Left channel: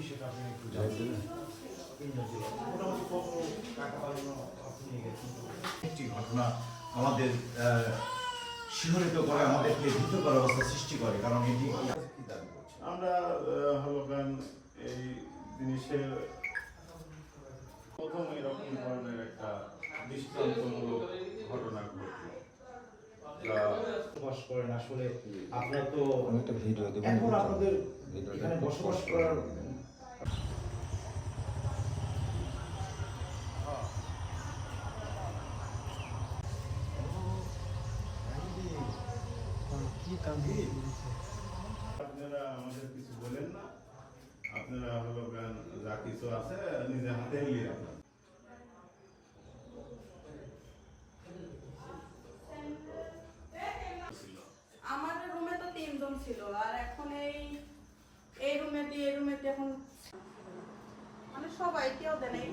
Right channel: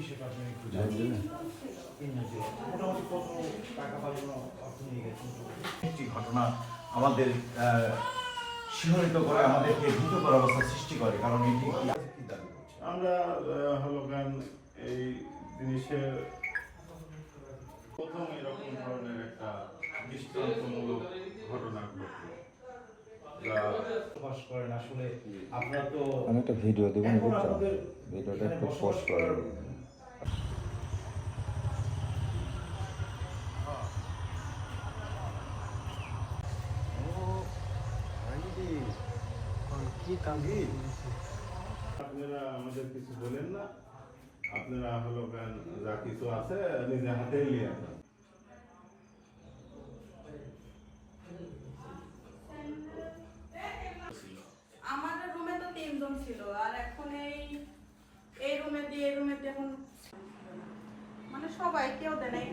বিষয়টা আপনি একটু জানবেন। মোটামুটি কত টাকা পাঠানো আপনি একটি ঘটনা আমাদের শিহরিত করে, আমাদেরকে ভীতকর অবস্থা সৃষ্টি করে। কারণ এটি কি দাবি করছে? আমরা হলো গান এই জিনিসের প্রথম এরকম ধরনের একটা দৃষ্টান্তমূলক ঘটনা ঘটল। বসবাস করেন আসলে আপনারা তো একটা ভিডিও দেবেন, এখন আপনাদের এখানে বসবাস করার আপনারা আমাদের কিছু বলেন না, আপনারা হলো গান যা কিছু আছে নিজে হাতে নিয়ে আসেন। আমাদের রুমে তো 3 জন ছিল, আর এখন এই রুমে দিয়ে এই রুমে এখন মানে সবাই কেউ দেয় নাই।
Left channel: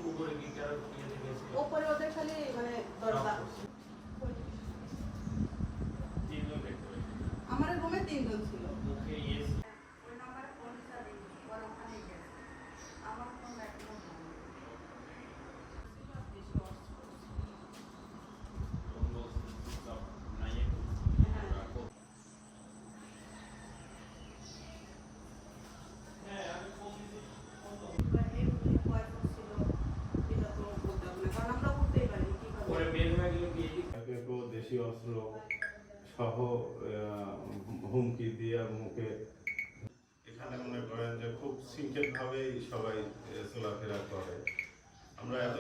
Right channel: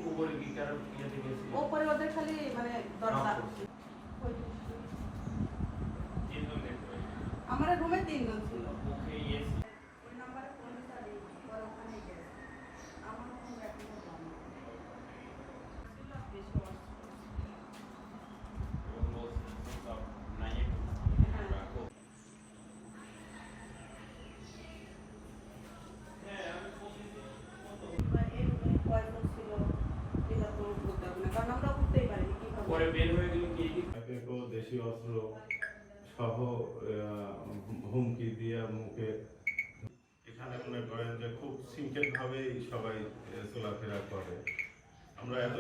উপরে ওদের খালি মানে দরজা। আমার রুমে 3 জন ছিল। ওই নাম্বারে ফোন চাবি বড় ওখানে গেছে। আমার ফোন এখনো বন্ধ। দেশীয় অস্ত্র সহ হুমকি দিয়ে মুখে, এখানে মনে করেন যে খুব সিম্পল ভাবেই সবাই চলাফেরা করে। আমরা এত